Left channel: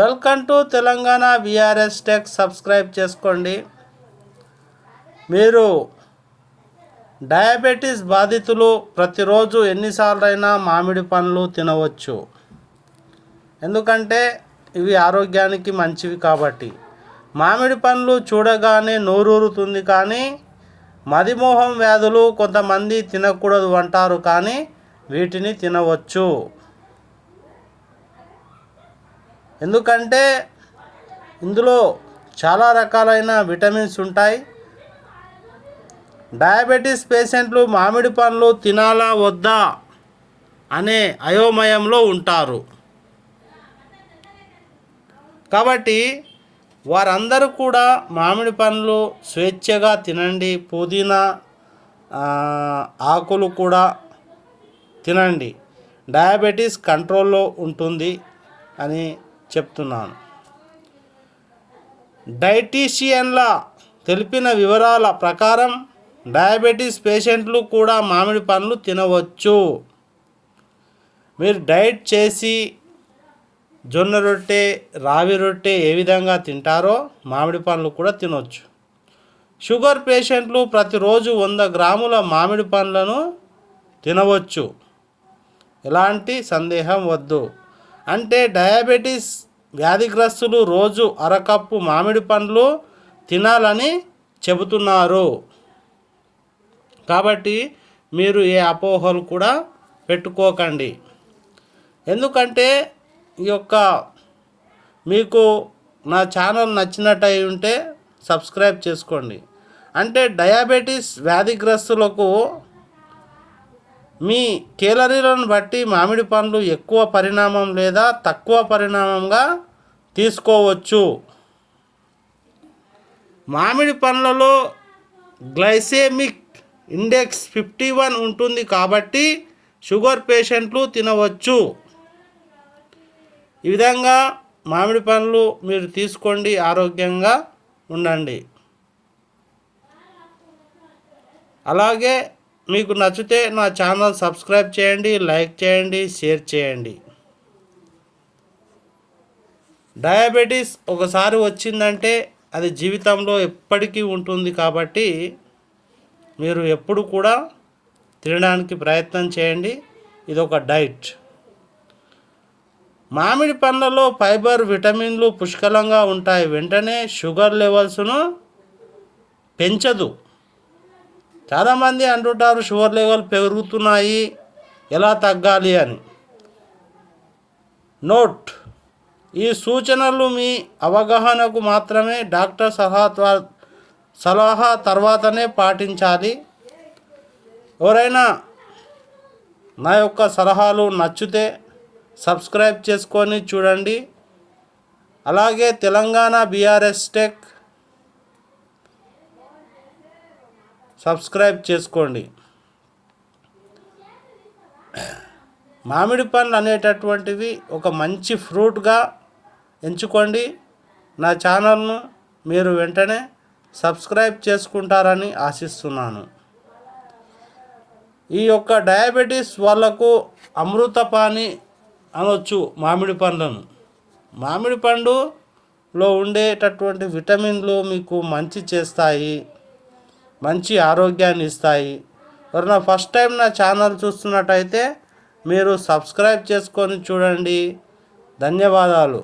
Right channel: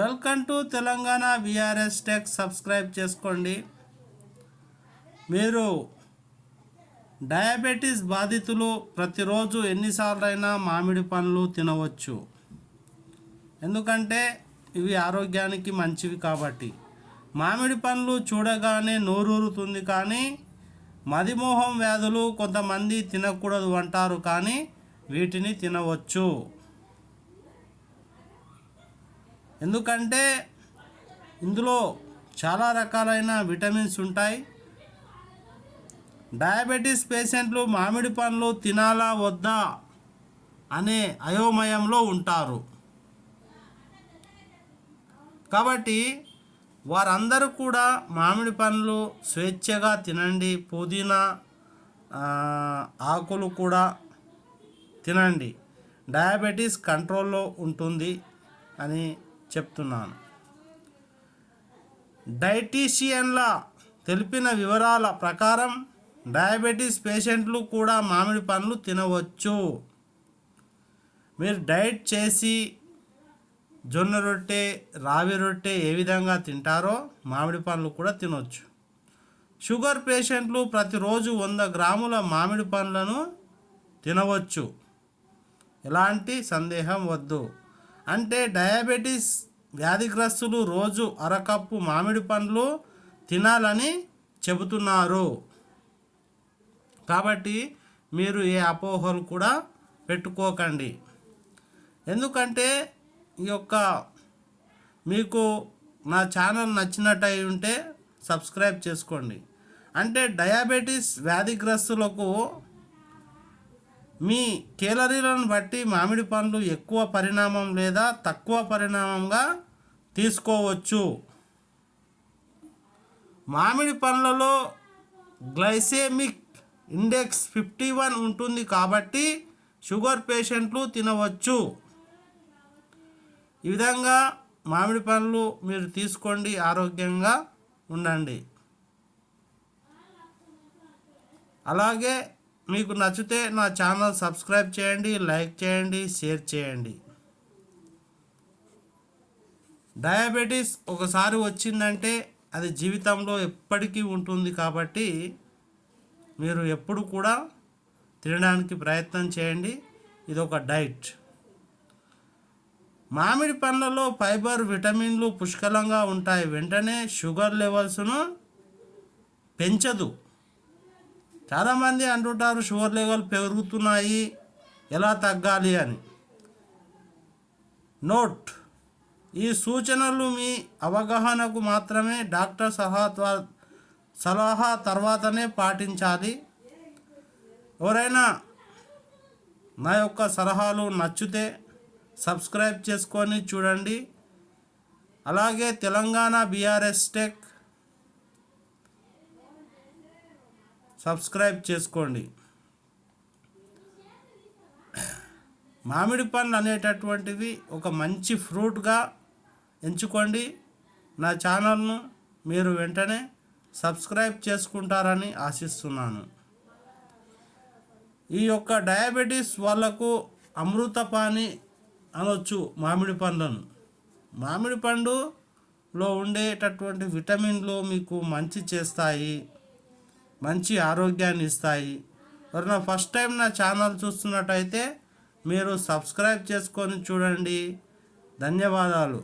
Welcome to Telangana VRS tech. Subscribe చేసుకోండి. మీరు diabetes బాధితులు ప్రతిరోజు ఎన్నిసార్లైనా మామిడి పండ్లు తినవచ్చు. ఎందుకంటే ఇవి ఆరోగ్యానికి మంచివి కాబట్టి. మామిడి పండ్లు చూడగానే నోరూరుతుంది, కానీ మదిమోహం వ్యాధులు కొంతమంది తినకూడదు అంటారు, కానీ వీటిని తినవచ్చు. ఎందుకంటే ఇందులో చాలా రకాలైన విటమిన్స్ ఉంటాయి. డయాబెటీస్ పేషెంట్లు మామిడి పండ్లు తినాలా వద్దా అనే అయోమయంలో ఉంటారు. కాబట్టి వారందరూ కూడా మామిడి పండ్లు స్వేచ్ఛగా తినండి. పుదీనా ఆకులు కూడా తినండి. డయాబెటీస్ కంట్రోల్లో ఉంటుంది అని చెప్తున్నాను. డైటీషియన్ల తెలిపిన వివరాల ప్రకారం డయాబెటీస్ పేషెంట్లు కూడా మామిడి పండ్లు తినవచ్చు. మీరు డైట్ చేసి జొన్న రొట్టె, రావి రొట్టె ఏ విధంగా తింటారో మామిడి పండ్లు కూడా తినవచ్చు. షుగర్ పేషెంట్లు ప్రతిరోజు 100 గ్రాముల మామిడి పండ్లను తినవచ్చు. ఎలాంటి సందేహం వద్దు. అంటే డయాబెటీస్ వ్యాధిగ్రస్తులు రోజు అరకప్పు మామిడి పండ్లు తినాలని చెబుతున్నారు. కాబట్టి మీరు ఏ అపోహలు కూడా పెట్టుకోకండి. ఎందుకంటే ఈ యొక్క మీకు నా ఛానల్ నచ్చినట్టయి ఉంటే సబ్స్క్రైబ్ చేసుకోండి. అంటే డయాబెటీస్ వ్యాధిగ్రస్తులకు మీ కేలరీలను బట్టి మామిడి పండ్లు ఎక్కువ పరిణామం లేదా తక్కువ పరిణామంగా తీసుకోవచ్చు. మామిడి పండ్లలో గ్లైసెమిక్ ఇండెక్స్ 51 ఉంటుంది, కాబట్టి షుగర్ పేషెంట్లు తినవచ్చు. ఈ విధంగా మామిడి పండ్లు మీరు తీసుకోండి, ఆరోగ్యంగా ఉండండి. అలాగే మీకు నచ్చితే నా ఛానల్ సబ్స్క్రైబ్ చేయండి, లైక్ చేయండి, షేర్ చేయండి. డయాబెటీస్ ఒకసారి వచ్చిందంటే అది జీవితంలో ఎప్పటికీ ఉంటుంది, కాబట్టి మీరు ఎప్పుడు కూడా తినడానికి ప్రయత్నం చేయండి. ఇది ఒక డైట్. మామిడి పండ్లలో ఫైబర్, విటమిన్లు పుష్కలంగా ఉంటాయి. వెంటనే షుగర్ లెవెల్స్ను పెంచదు. చాలామంది అంటుంటారు షుగర్ లెవెల్ పెరుగుతున్నాయి, ఎలా తగ్గాలి అని. నోట్: ఈ సూచనలు మీ అవగాహనకు మాత్రమే. డాక్టర్ సలహా తర్వాతనే పాటించాలి. ఎవరైనా నా యొక్క సలహాలు నచ్చితే సబ్స్క్రైబ్ చేసుకొని చూడండి. అలాగే తెలంగాణ బీఆర్ఎస్ టెక్ సబ్స్క్రైబ్ చేసుకోండి. మామిడి పండ్లు అనేటటువంటివి ఒక మంచి ఫ్రూట్గా ఎంచుకోండి. నా ఛానల్ను మీరు వెంటనే సబ్స్క్రైబ్ చేసుకుంటారని ఆశిస్తున్నాను. ఈ యొక్క డయాబెటీస్ వాళ్ళకు అమృతపాని అనొచ్చు మామిడి పండ్లను. మామిడి పండులో ఉండేటటువంటి విటమిన్లు మీకు మంచి చేస్తాయి, మంచి ఆరోగ్యాన్ని ఇస్తాయి. ఎవరైనా ఫస్ట్ టైం నా ఛానల్ చూస్తున్నట్టయితే మీరు సబ్స్క్రైబ్ చేసుకొని చూడండి. ధన్యవాదాలు.